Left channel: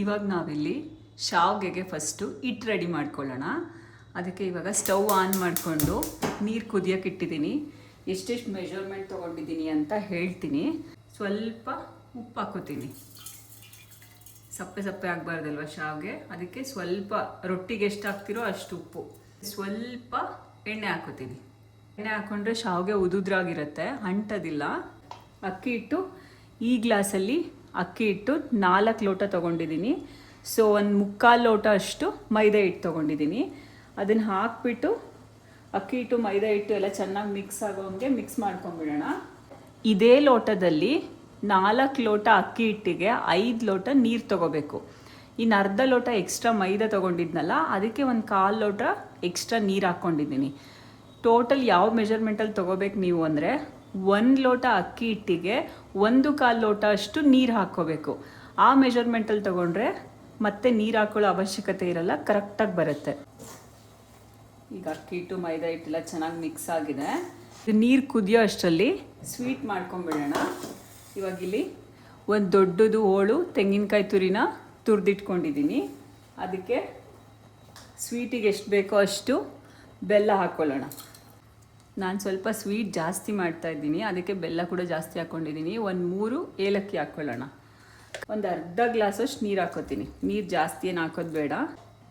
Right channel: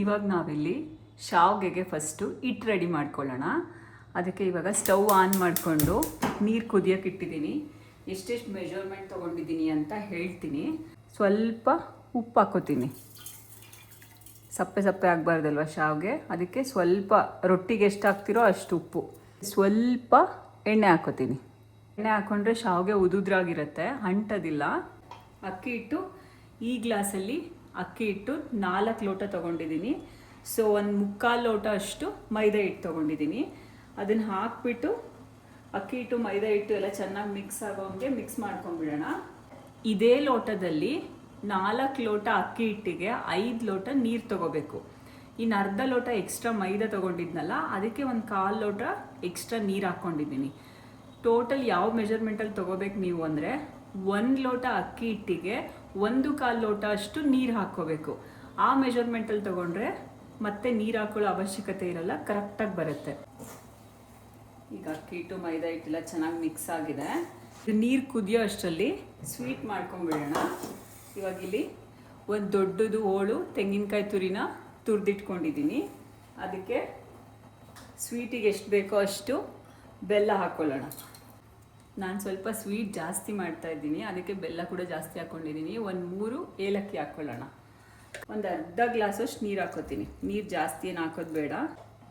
ಇವಾಗ ನಾವಿಲ್ಲಿ ಶಾವ್ಗೆಗೆ ಫಸ್ಟು ಹಿಟ್ಟು ರೆಡಿ ಮಾಡ್ಕೊಳ್ಳೋಣ. ಅದಕ್ಕೆ ಇವಾಗ ಸ್ಟವ್ ಆನ್ ಮಾಡಿಕೊಂಡು ನೀರು ಕುದಿಯೋಕೆ ಇಟ್ಟಿದ್ದೀನಿ. ಎಷ್ಟೆಷ್ಟು ಮೆಜರ್ಮೆಂಟ್ ತೊಗೊಂಡಿದ್ದೀನಿ ಅಂತ ಹೇಳ್ತೀನಿ. ಸ್ವಲ್ಪ ಉಪ್ಪು ಹಾಕೋತೀನಿ. ಸಪ್ಪೆ ಸಪ್ಪೆ ಆಗಬಾರ್ದಲ್ವ ಶಾವ್ಗೆ, ಅದಕ್ಕೆ ಸ್ವಲ್ಪ ರೊಟ್ಟಿಗೆ ಎಷ್ಟು ಹಾಕ್ತಿರೋ ಅಷ್ಟು ಉಪ್ಪು. ಸ್ವಲ್ಪ ಎಣ್ಣೆ ಹಾಕೋತೀನಿ. ಎಣ್ಣೆ ಹಾಕ್ಕೊಂಡ್ರೆ ಶಾವ್ಗೆ ಉದುದ್ರಾಗಿರುತ್ತೆ, ಅಂಟೋದಿಲ್ಲ. ಅಕ್ಕಿ ಹಿಟ್ಟು ಈ ಗ್ಲಾಸಲ್ಲಿ ಅಕ್ಕಿ ಹಿಟ್ಟು 4 ಲೋಟ ತೊಗೊಂಡಿದ್ದೀನಿ. ಸೊ 1/4 ಲೋಟ ಅಷ್ಟು ಮೈದಾ ಹಿಟ್ಟು ತೊಗೊಂಡಿದ್ದೀನಿ. ಅದನ್ನು ಹಾಕ್ಬಿಟ್ಟು ಅಕ್ಕಿ ಹಿಟ್ಟು ಮೈದಾ ಹಿಟ್ಟು ಎಲ್ಲ ಚೆನ್ನಾಗಿ ಮಿಕ್ಸ್ ಆಗೋಂಗೆ ಮಿಕ್ಸ್ ಮಾಡ್ಕೊಂಡ್ಬಿಡೋಣ. ಇದೇ ಲೋಟದಲ್ಲಿ 4 ಲೋಟ ಅಕ್ಕಿ ಹಿಟ್ಟಿಗೆ 5 ಲೋಟ ನೀರು ತೊಗೋಬೇಕು. ಇನ್ನು ಅರ್ಧ ಲೋಟ ಎಕ್ಸ್ಟ್ರಾ ಮೈದಾ ತೊಗೊಂಡಿದ್ನಲ್ಲ, ಅದಕ್ಕೆ 1/4 ಲೋಟ ಎಕ್ಸ್ಟ್ರಾ ನೀರು ಹಾಕ್ಕೊಂಡಿದ್ದೀನಿ. ಟೋಟಲ್ ಯಾವ ಮೆಜರ್ಮೆಂಟಲ್ಲಿ ತೊಗೋಬೇಕು ನೀವು ಅಂದರೆ 1 ಲೋಟ ಅಕ್ಕಿ ಹಿಟ್ಟಿಗೆ 1/4 ಲೋಟ ಅಷ್ಟು ನೀರು ಹಾಕ್ಕೋಬೇಕು. ಆ ಮೆಜರ್ಮೆಂಟಲ್ಲಿ ತೊಗೊಂಡ್ರೆ ಮತ್ತೆ ನೀರು ಹಾಕೊಳ್ಳೋ ಅವಶ್ಯಕತೆ ಇರಲ್ಲ, ಕರೆಕ್ಟಾಗಿ ಬರುತ್ತೆ. ಈಗ ಅಕ್ಕಿ ಹಿಟ್ಟು ಮೈದಾ ಹಿಟ್ಟೆಲ್ಲ ಚೆನ್ನಾಗಿ ಮಿಕ್ಸ್ ಆಗಿದೆ. ನೀರು ಕುದಿಯೋ ಅಷ್ಟರಲ್ಲಿ ಸ್ವೀಟ್ ಮಾಡ್ಕೊಂಬಿಡೋಣ. ಇವಾಗಿಲ್ಲಿ ಒಂದು ದೊಡ್ಡದು ಹೋಳು ತೆಂಗಿನಕಾಯಿ ತುರಿನ ತುರಿದಿಟ್ಕೊಂಡಿದ್ದೀನಿ. ಅದಕ್ಕೆ ಸ್ವೀಟಿಗೆ ಎಷ್ಟು ಬೇಕೋ ಅಷ್ಟು ಬೆಲ್ಲ ಹಾಕ್ಕೊಳ್ಳೋಣ. ನಾನು ಸ್ವಲ್ಪ ಸ್ವೀಟ್ ಜಾಸ್ತಿ ಮಾಡ್ತಾಯಿದ್ದೀನಿ, ಅದಕ್ಕೆ ಬೆಲ್ಲ ಕೂಡ ಜಾಸ್ತಿ ಹಾಕ್ಕೊಂಡಿದ್ದೀನಿ. 3 ಏಲಕ್ಕಿ ಹಾಕ್ಕೊಳ್ಳೋಣ. ಒಂದು ಅರ್ಧ ಗ್ಲಾಸಷ್ಟು ನೀರು ಹಾಕೋತೀನಿ. ನೀರು ಜಾಸ್ತಿ ಏನು ಹಾಕೋದು ಬೇಡ.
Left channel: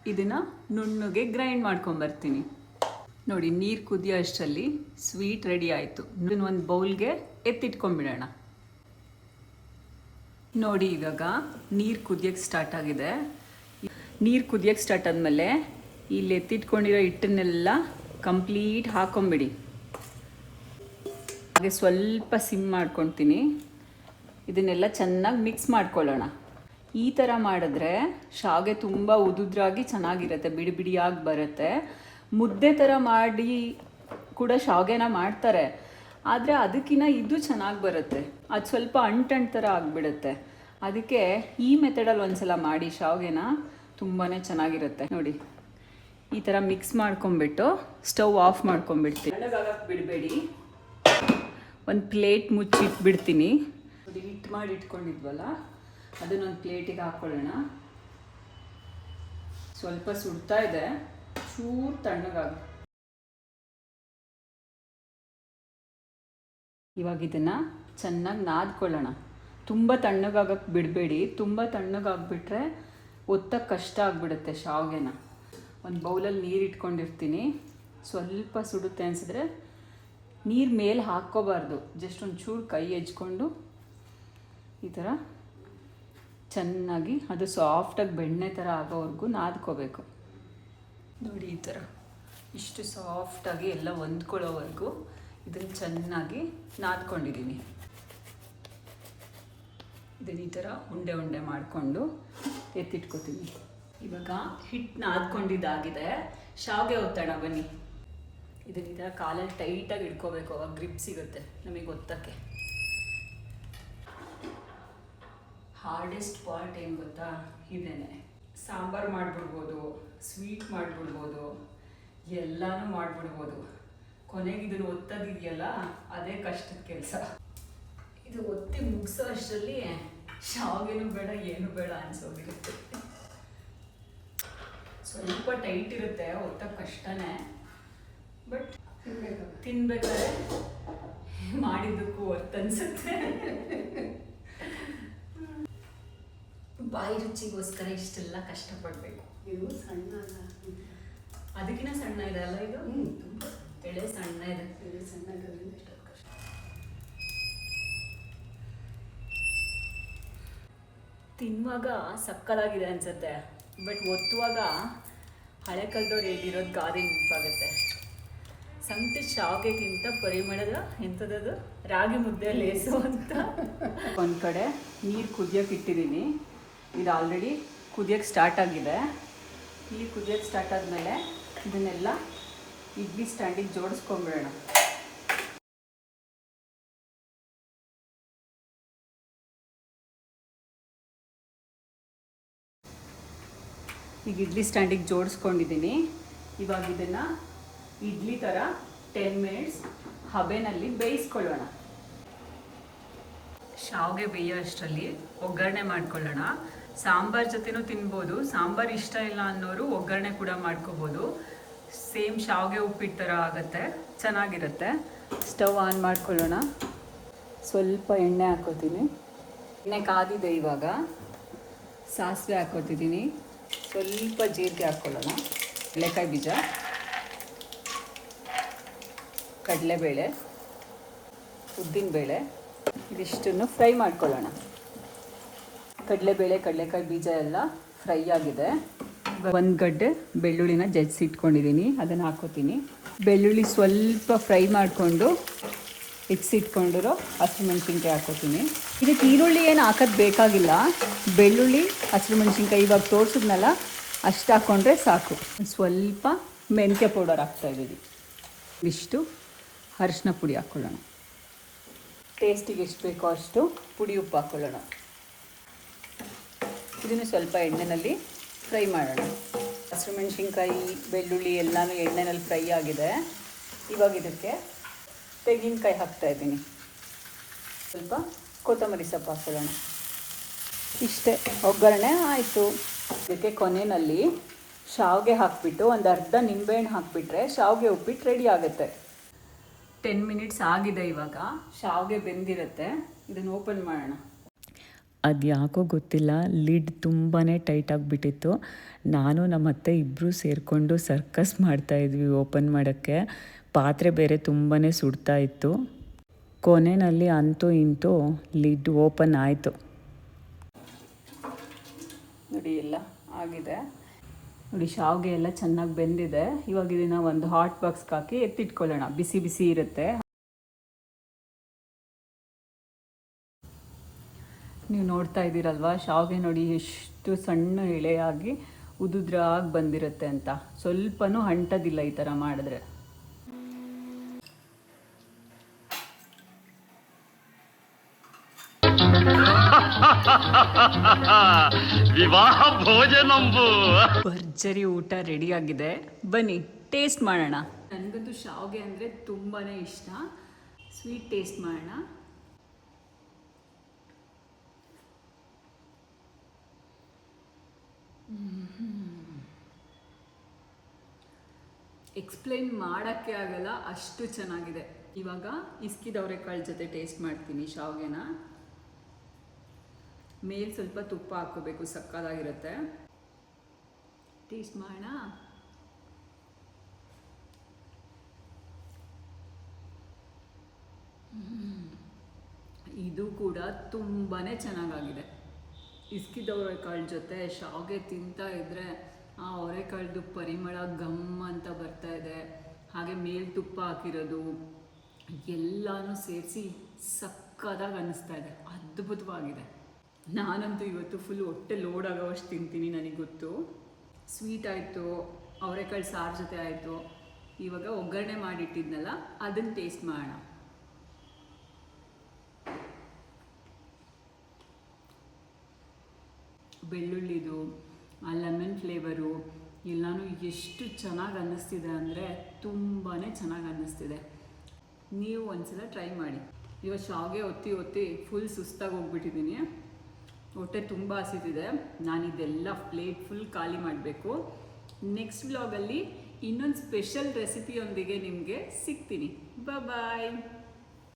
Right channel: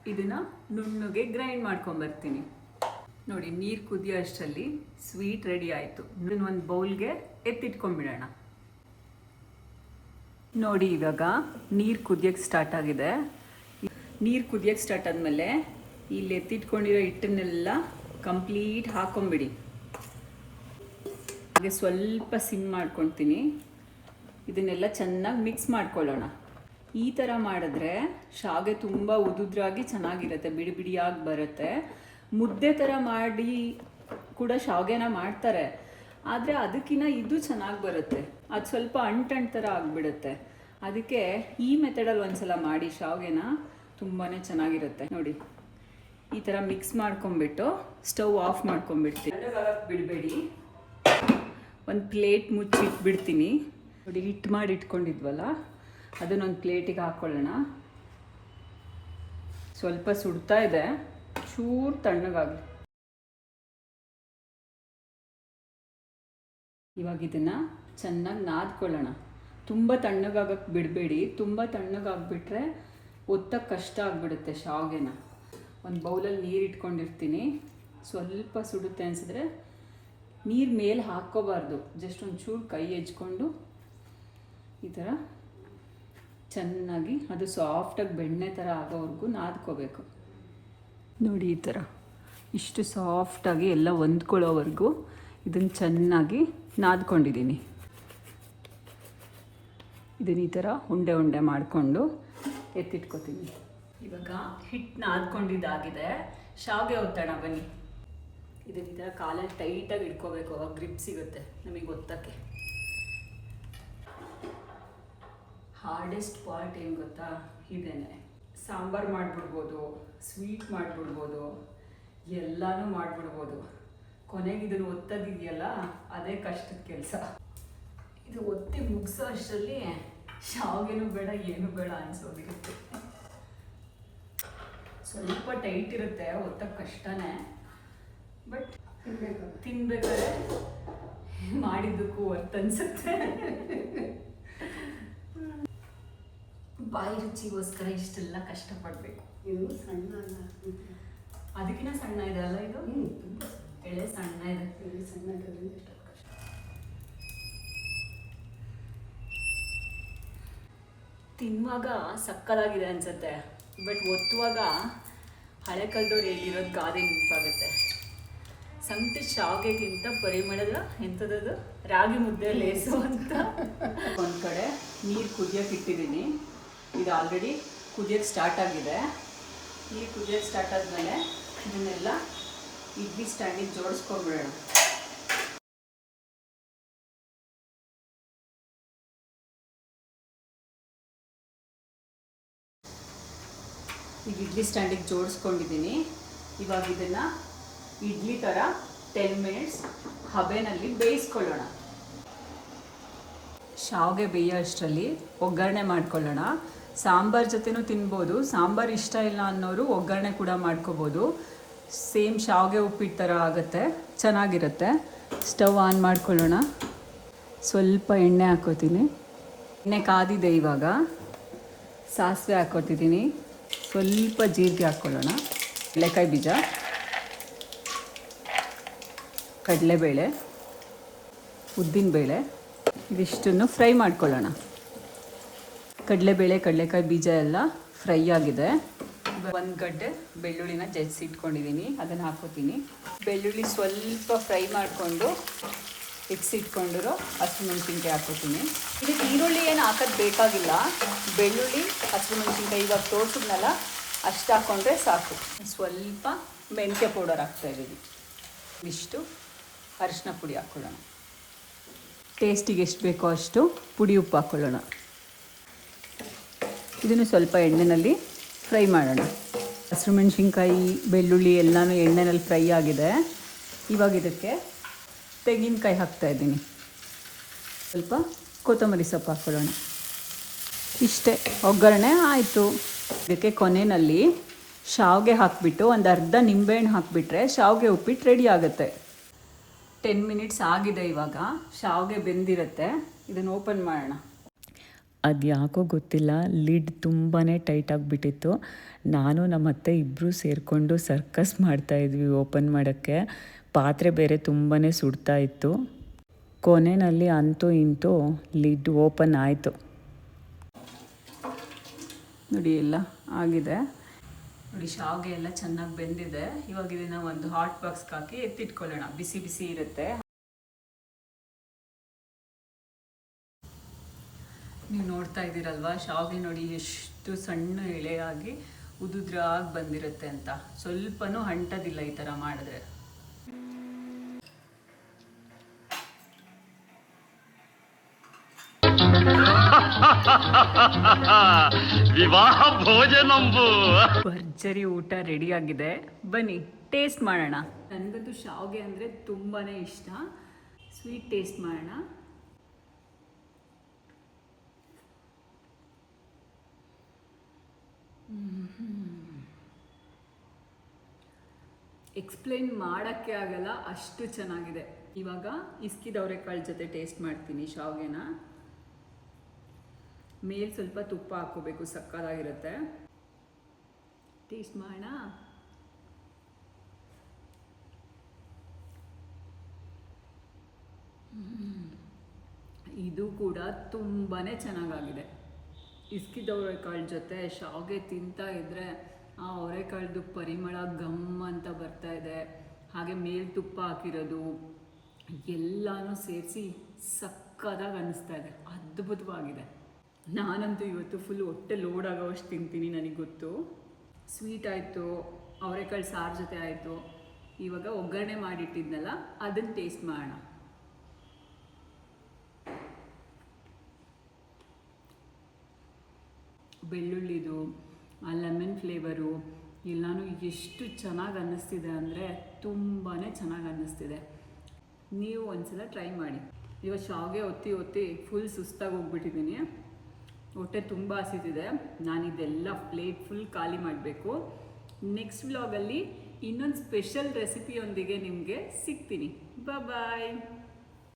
ಇದನ್ನು ನುಣ್ಣಗೆ ಗ್ರೈಂಡ್ ಮಾಡ್ಕೊಂಬರ್ತೀನಿ. ನೋಡಿ, ನೀರು ಕುದಿಯೋ ಅಷ್ಟರಲ್ಲಿ ಸ್ವೀಟ್ ರೆಡಿ ಆಯಿತು. ಇದನ್ನು ಒಂದು ಬೌಲ್ಗೆ ಎತ್ತಿಟ್ಕೊಂಡ್ಬಿಡೋಣ. ನೋಡಿ, ಇವಾಗ ನೀರು ಕುದಿಯೋಕ್ಕೆ ಸ್ಟಾರ್ಟ್ ಆಗಿದೆ. ನೀರು ಕುದಿಯೋಕ್ಕೆ ಸ್ಟಾರ್ಟ್ ಆದಮೇಲೆ ಇಲ್ಲಿ ಎತ್ತಿಟ್ಕೊಂಡಿರೋ ಹಿಟ್ಟನ್ನೆಲ್ಲ ಕಂಪ್ಲೀಟ್ ಹಾಕೊಂಬಿಡಿ. ಹಾಗೆ ಸ್ವಲ್ಪ ಸಿಮ್ ಮಾಡ್ಕೊತೀನಿ. ಇದನ್ನೆಲ್ಲ ಚೆನ್ನಾಗಿ ಮಿಕ್ಸ್ ಮಾಡ್ಕೊಳ್ಳೋಣ. ಈ ಥರ ಮಾಡಿದ್ರೆ ಶಾವಿಗೆ ತುಂಬ ಉದುದ್ರಾಗಿ ಚೆನ್ನಾಗಿರುತ್ತೆ, ಬಿಡಿ ಬಿಡಿಯಾಗಿ ಬರುತ್ತೆ. ಮುದ್ದೆ ಥರ ಮಾಡಿ ಕೂಡ ಶಾವಿಗೆನ ಮಾಡ್ತಾರೆ, ಆದರೆ ಅದಕ್ಕಿಂತ ಇದು ಚೆನ್ನಾಗಿ ಬರುತ್ತೆ. ಅದು ಸ್ವಲ್ಪ ಅಂಟು ಥರ ಆಗಿಬಿಡುತ್ತೆ. ಅದಕ್ಕೆ ಈ ಮೆಥಡಲ್ಲಿ ಒಂದ್ಸಲ ಮಾಡಿ ಶಾವಿಗೆನ, ತುಂಬಾ ಚೆನ್ನಾಗಿರುತ್ತೆ. ನೋಡಿ, ಈ ಥರ ಮಿಕ್ಸ್ ಮಾಡ್ಕೊಂಬಿಟ್ಟು ಸ್ಟವ್ ಆಫ್ ಮಾಡ್ಕೊಂಬಿಡ್ತೀನಿ. ಬಿಡಬೇಡಿ, ಒಂದು ಪ್ಲೇಟ್ ಮುಚ್ಚಿಟ್ಬಿಡ್ತೀನಿ. ನೋಡಿ, ಹಿಟ್ಟು ಮಾಡಿ ಇಟ್ಕೊಂಡಿದ್ವಲ್ಲ, ಅದನ್ನೊಂದು ಪ್ಲೇಟಿಗೆ ಹಾಕ್ಕೊಳ್ಳೋಣ. ಸ್ವಲ್ಪ ಸುಡ್ತಾ ಇದೆ, ಚೂರು ತಣ್ಣಗಾಗಿ. ಇವಾಗ ಇದನ್ನು ಚೆನ್ನಾಗಿ ನಾದ್ಕೊಳ್ಳೋಣ. ತುಂಬ ತಣ್ಣಗಾಗಕ್ಕೆ ಬಿಡಬೇಡಿ. ತುಂಬ ತಣ್ಣಗಾಗ್ಬಿಟ್ರೆ ಒತ್ತಕ್ಕೆ ಕಷ್ಟ ಆಗಿಬಿಡುತ್ತೆ ಶಾವಿಗೆನ. ಒಂದು ಬೌಲಲ್ಲಿ ನೀರು ಇಟ್ಕೊಂಡಿರ್ತೀನಿ. ಸ್ವಲ್ಪ ಸುಡುತ್ತೆ ಅನಿಸಿದ್ರೆ ನೀರು ಮೇಲೆ ಹಾಕ್ಕೋಬಾರ್ದು, ಜಸ್ಟ್ ಒಂದು ಚೂರು ಕೈ ಹೆಚ್ಕೊಂಡು ಈ ಥರ ಚೆನ್ನಾಗಿ ಅದು ಸಾಫ್ಟಾಗಿ ಬೆಣ್ಣೆ ಥರ ಆಗೋವರೆಗೂ ನಾದ್ಕೋಬೇಕು. ನೋಡಿ, ಈ ಥರ ಇಷ್ಟು ಸಾಫ್ಟಾಗಿ ಎಲ್ಲ ಹೊಂದ್ಕೊಳ್ಳೋವರೆಗೂ ಇದನ್ನು ಚೆನ್ನಾಗಿ ನಾದ್ಕೊಂಡಿದ್ದೀನಿ. ಇದನ್ನು ಈ ಥರ ಉಂಡೆ ಉಂಡೆ ಮಾಡಿಕೊಂಡು ಎತ್ತಿಟ್ಕೊತೀನಿ. ಇವಾಗ ಹಿಟ್ಟು ನಾದ್ಕೊಂಡಿದ್ದಾಗಿದೆ. ಶಾವಿಗೆ ಒತ್ತೋಣ ಬನ್ನಿ. ಇದನ್ನು ಈ ಥರ ಕಾಲಲ್ಲಿ ಟೈಟಾಗಿ ಇಟ್ಕೋಬೇಕು, ಅವಾಗ ಗ್ರಿಪ್ ಸಿಗುತ್ತೆ ನಮಗೆ ಒತ್ತಕ್ಕೆ. ಹಾರ್ಡೆಸ್ಟ್ ಪಾರ್ಟ್ ಏನು ಗೊತ್ತಾ, ಇದೇನೆ. ಸಾಂಬಾರು ಮಾಡಿಬಿಡ್ಬೋದು, ಸ್ವೀಟ್ ಮಾಡಿಬಿಡ್ಬೋದು, ಎಲ್ಲನೂ ಮಾಡಿಬಿಡ್ಬೋದು. ಕೊನೆಗೆ ಇದನ್ನು ಒತ್ತೋದಿದೆಯಲ್ಲ, ಅದೇ ಕಷ್ಟದ ಕೆಲಸ. ಇದು ಒತ್ತಿ ಮುಗಿಸೋ ಅಷ್ಟರಲ್ಲಿ ಶಾವಿಗೆನೂ ಬೇಡ ಏನು ಬೇಡ ಅನಿಸೋದಿರುತ್ತೆ. ಸ್ವಲ್ಪ ಟೈಟ್ ಇರುತ್ತೆ, ಒತ್ತಕ್ಕೆ ಕಷ್ಟನೇ. ಬಟ್ ತಿನ್ಬೇಕಾದ್ರೆ ಮಾಡಿದ್ದಕ್ಕೂ ವರ್ತ್ ಅನ್ಸುತ್ತೆ. ಬಾಯಿ ರುಚಿಗೋಸ್ಕರ ಇಷ್ಟೆಲ್ಲ ಕಷ್ಟಪಡಬೇಕು. ಇದು ಸಣ್ಣ ಅಲ್ಲ, ಅದಕ್ಕಿಂತ ಸಣ್ಣ ಇದೆ ಅಲ್ಲ ಇದು? ತುಂಬ ಎಳೆ ಸಣ್ಣ ಇದೆ. ಎಳೆ ಸಣ್ಣ ಇರೋದ್ರಿಂದ ಇಷ್ಟೊಂದು ಕಷ್ಟ. ತಿನ್ನುವಾಗ ಸಕ್ಕದಾಗಿದೆ ಅನ್ಸುತ್ತೆ, ಬಟ್ ಒತ್ತುವಾಗ ಹಳೆ ಕಾಲದವ್ರು ಹೇಳಿರೋದು ಗಾದೆ ನೆನಪಾಗುತ್ತೆ. ಸಂಗತಿ ಶಾವಿಗೆಗಿಂತ ಪರಿಮಳದ ಎಂಥದ್ದು ರಾಗಿ ಮುದ್ದೆ ಲೇಸು ಅಂತ. ಒಂದು ಕಡೆ ನೀರು ಕುದಿಯೋಕೆ ಇಟ್ಟಿದ್ದೀನಿ. ಇದು ಆಲ್ರೆಡಿ ಕುದಿಯೋಕ್ಕೆ ಸ್ಟಾರ್ಟ್ ಆಗಿದೆ. ನೀರು ಕುದಿಯೋಕ್ಕೆ ಸ್ಟಾರ್ಟ್ ಆದಮೇಲೆ ಇದನ್ನೆಲ್ಲ ಇಡ್ಲಿ ಸ್ಟ್ಯಾಂಡಿಗೆ ಜೋಡಿಸ್ಕೊಂಡ್ಬಿಡೋಣ. ಈಗ ಇಡ್ಲಿ ಸ್ಟ್ಯಾಂಡಿಗೆ ಜೋಡಿಸ್ಕೊಂಡಿದ್ದೀನಿ. ಇವಾಗ ಇದನ್ನು ಇಡ್ಲಿ ಥರ 10 ಮಿನಿಟ್ಸ್ ಹಬೆನಲ್ಲಿ ಬೇಯಿಸ್ಕೊಳ್ಳೋಣ. ಶಾವಿಗೆ ಬೇಯೋ ಅಷ್ಟರಲ್ಲಿ ಒಗ್ಗರಣೆ ಮಾಡ್ಕೊಳ್ಳೋಣ. ಸಾಂಬಾರ್ ಜೊತೆನೂ ತಿನ್ಬೋದು. ಸಾಂಬಾರು ಇಷ್ಟ ಇಲ್ಲ ಅನ್ನೋರು ಒಗ್ಗರಣೆ ಕೂಡ ಮಾಡ್ಕೋಬೋದು. ಸೇಮ್ ಶಾವಿಗೆ ಉಪ್ಪಿಟ್ಟು ಥರ ಆಗುತ್ತೆ, ಚೆನ್ನಾಗಿರುತ್ತೆ. ಸ್ಟವ್ ಆನ್ ಮಾಡ್ಕೊಳ್ಳೋಣ. ಸ್ವಲ್ಪ ಎಣ್ಣೆ ಹಾಕೋತೀನಿ. ಎಣ್ಣೆ ಕಾದಿದೆ. ಇವಾಗ ಸಾಸಿವೆ ಹಾಕೋತಿದ್ದೀನಿ. ಸ್ವಲ್ಪ ಜೀರಿಗೆ ಹಾಕ್ಕೊಳ್ಳೋಣ. ಕಡಲೆಕಾಯಿ ಬೀಜ, ಕಡಲೆಬೇಳೆ, ಉದ್ದಿನಬೇಳೆ ಇದಿಷ್ಟನ್ನು ಫ್ರೈ ಮಾಡ್ಕೊಳ್ಳೋಣ. ಕಡಲೆಬೇಳೆ, ಕಡಲೆಕಾಯಿ ಬೀಜ ಎಲ್ಲ ಫ್ರೈ ಆಗಿದೆ. ಇವಾಗ 1 ಗಡ್ಡೆ ಬೆಳ್ಳುಳ್ಳಿನ ಜಜ್ಜಿ ಇಟ್ಕೊಂಡಿದ್ದೀನಿ, ಅದನ್ನು ಹಾಕೋತೀನಿ. ಬೆಳ್ಳುಳ್ಳಿ ಸ್ವಲ್ಪ ಫ್ರೈ ಮಾಡಿಕೊಂಡು ಇಟ್ಕೊಂಡಿರೋ ಹಸಿಮೆಣಸಿನ್ಕಾಯಿ ಹಾಕೋತೀನಿ. ಇದಕ್ಕೆ ಈರುಳ್ಳಿ ಏನು ಹಾಕೋದು ಬೇಕಾಗಿಲ್ಲ. ಬೆಳ್ಳುಳ್ಳಿ, ಹಸಿಮೆಣಸಿನ್ಕಾಯಿ ಇವಾಗ ತೋರಿಸಿದ್ನಲ್ಲ ಅಷ್ಟು ಹಾಕ್ಕೊಂಡ್ರೆ ಸಾಕು. ಸ್ವಲ್ಪ ಮೆಂತ್ಯ ಪೌಡರ್ ಹಾಕ್ತಾಯಿದ್ದೀನಿ. ಇಷ್ಟು ಅರಿಶಿನ ಪುಡಿ ಹಾಕ್ಕೊಳ್ಳೋಣ. ಟೇಸ್ಟಿಗೆ ಎಷ್ಟು ಬೇಕೋ ಅಷ್ಟು ಪುಡಿ ಉಪ್ಪು ಹಾಕ್ಕೊಳ್ಳೋಣ. ಇದನ್ನು ಸ್ವಲ್ಪ ಎಣ್ಣೆಯಲ್ಲಿ ಫ್ರೈ ಮಾಡೋಣ. ಹಸಿಮೆಣಸಿನ್ಕಾಯಿ, ಬೆಳ್ಳುಳ್ಳಿ ಎಲ್ಲನೂ ಎಣ್ಣೆಯಲ್ಲಿ ಫ್ರೈ ಆಗಿದೆ. ಇವಾಗ ಇದಕ್ಕೆ ತೆಂಗಿನಕಾಯಿ ಹಾಕ್ತಾಯಿದ್ದೀನಿ. ಸ್ವಲ್ಪ ಕೊತ್ತಂಬರಿ ಸೊಪ್ಪು ಹಾಕ್ಕೊಳ್ಳೋಣ. ಇಷ್ಟೇ, ಒಗ್ಗರಣೆ ಆಯಿತು. ಇದಕ್ಕೆ ಕೊನೆಯಲ್ಲಿ ಶಾವಿಗೆ ಹಾಕಿಬಿಟ್ಟು ಒಂದು ಅರ್ಧ ನಿಂಬೆಹಣ್ಣು ಹಾಕಿಬಿಟ್ರೆ ಶಾವಿಗೆ ಉಪ್ಪಿಟ್ಟು ರೆಡಿ ಆಗುತ್ತೆ. 10 ಮಿನಿಟ್ಸ್ ಆಗಿದೆ. ಇವಾಗ ಶಾವಿಗೆ ಬೆಂದಿರುತ್ತೆ. ಇದನ್ನು ಓಪನ್ ಮಾಡೋಣ. ಅದು ಯಾಕೋ ಗೊತ್ತಿಲ್ಲ, ಲಿಡ್ ತುಂಬಾ ಟೈಟ್ ಆಗಿಬಿಟ್ಟಿತ್ತು. ನಾನು ನಮ್ಮ ಅತ್ತೆ ಇಬ್ಬರು ಸೇರಿಕೊಂಡು ಸರ್ಕಸ್ ಮಾಡ್ತಾಯಿದ್ವಿ ಓಪನ್ ಮಾಡೋಕ್ಕೆ. ಪಾತ್ರೆ ಬೇರೆ ತುಂಬಾ ಸುಡ್ತಾ ಇತ್ತು. ಕೊನೆಯಲ್ಲಿ ಅಂತೂ ಇಂತೂ ಲಿಡ್ ಓಪನ್ ಆಯಿತು. ನೋಡಿ ಎಲ್ಲ ಆಗಿದೆ. ನೋಡಿ ಶಾವಿಗೆ ಎಲ್ಲ ಚೆನ್ನಾಗಿ ಬೆಂದಿದೆ. ಇವಾಗ ಇದನ್ನು ಒಂದು ಹಾಟ್ ಬಾಕ್ಸ್ಗೆ ಹಾಕಿ ಎತ್ತಿಟ್ಕೊಳ್ಳೋಣ. ಬಿಸಿ ಬಿಸಿ ಇರುತ್ತೆ. ನೀವು ನೋಡ್ತಾ ಇದ್ದೀರಲ್ವ, ಶಾವಿಗೆ ನೋಡಿ ಎಷ್ಟು ಸಣ್ಣ ಎಳೆಯಾಗಿ ಉದುದ್ರಾಗಿ ಬಂದಿರುತ್ತೆ ಅಂತ. ಸ್ವಲ್ಪನೂ ಅಂಟೋದಿಲ್ಲ ಈ ಥರ ಮಾಡಿದ್ರೆ. ವಿವಾಹ ಭೋಜನಂಬು. ಭರ್ಜರಿ ಊಟ ರೆಡಿ ಆಗಿದೆ. ಬನ್ನಿ ಟೇಸ್ಟ್ ಮಾಡೋಣ. ನನಗಂತೂ ಶಾವಿಗೆ ಅಂದರೆ ತುಂಬಾ ಇಷ್ಟ. ಸ್ವೀಟ್ ಟೇಸ್ಟ್ ಮಾಡೋಣ. ಎಕ್ಸ್ಪ್ಲೈನ್ ಮಾಡೋಕ್ಕೆ ಆಗಲ್ಲ, ಅಷ್ಟು ಚೆನ್ನಾಗಿದೆ. ಇವಾಗ ಇಸ್ಕಿದವರೆಕಾಳು ಜೊತೆ ಟೇಸ್ಟ್ ಮಾಡ್ತೀನಿ ಶಾವಿಗೆನ. ಮೇಲೆ ಸ್ವಲ್ಪ ತುಪ್ಪ ಹಾಕ್ಕೋಬೇಕು, ಸಕ್ಕತ್ತಾಗಿರುತ್ತೆ. ಟೇಸ್ಟ್ ಮಾಡೋಣ. ಇದು ಕೂಡ ತುಂಬಾ ಚೆನ್ನಾಗಾಗಿದೆ. ಇಸ್ಕಿದವರೆಕಾಳು ಜೊತೆ ಶಾವಿಗೆ ತಿಂತಾ ಇದ್ದರೆ ಆ ಅವರೆಕಾಳ್ದು ಪರಿಮಳ ಗಮ್ ಅಂತ ಬರ್ತಾ ಇದೆ. ಹಾಗೆ ಮೇಲೆ ತುಪ್ಪ ಹಾಕಿರೋದು ಎಲ್ಲನೂ ಸೇರಿಸಿ ಸಕ್ಕತ್ತಾಗಿ ಅನ್ನಿಸ್ತಾ ಇದೆ. ಅದ್ಭುತವಾಗಿದೆ. ನಾನಂತೂ ಇವತ್ತು ಫುಲ್ ಹೊಟ್ಟೆ ಲೋಡ್ ಆಗೋವಷ್ಟು ತಿಂತೀನಿ, ನನಗೆ ಗೊತ್ತು. ಸ್ವೀಟ್ ಆಯಿತು, ಅವರೆಕಾಳು ಸಾರು ಜೊತೆ ಆಯಿತು. ಇವಾಗ ಒಗ್ಗರಣೆ ಮಾಡಿಟ್ಟಿದ್ನಲ್ಲ ಅದನ್ನು ಟೇಸ್ಟ್ ಮಾಡೋಣ. ಬೆಳ್ಳುಳ್ಳಿದು ಆ ಲೆಮನ್ ಫ್ಲೇವರು ಎಲ್ಲನೂ ಎಷ್ಟು ಚೆನ್ನಾಗಿ ಅನ್ನಿಸ್ತಿದೆ ಅಂದರೆ ತುಂಬಾ ಚೆನ್ನಾಗಿ ಅನ್ನಿಸ್ತಿದೆ. ನೀವು ಒಂದ್ಸಲ ಟ್ರೈ ಮಾಡಿ. ಇವಾಗ ಶಾವಿಗೆ ಒತ್ತಿ ಫುಲ್ ಸುಸ್ತಾಗಿ ಹೋಗ್ಬಿಟ್ಟಿದ್ದೀನಿ. ಹೊಟ್ಟೆ ತುಂಬ ಹಸಿತಿದೆ. ನಾನಿದೆಲ್ಲ ಪ್ಲೇಟ್ ಫುಲ್ ಖಾಲಿ ಮಾಡಬೇಕು. ನೆಕ್ಸ್ಟ್ ವ್ಲಾಗಲ್ಲಿ ಇನ್ನೊಂದು ಸ್ಪೆಷಲ್ ರೆಸಿಪಿಯೊಂದಿಗೆ ನಿಮಗೆ ಸಿಗ್ತೀನಿ. ಬಾಯ್.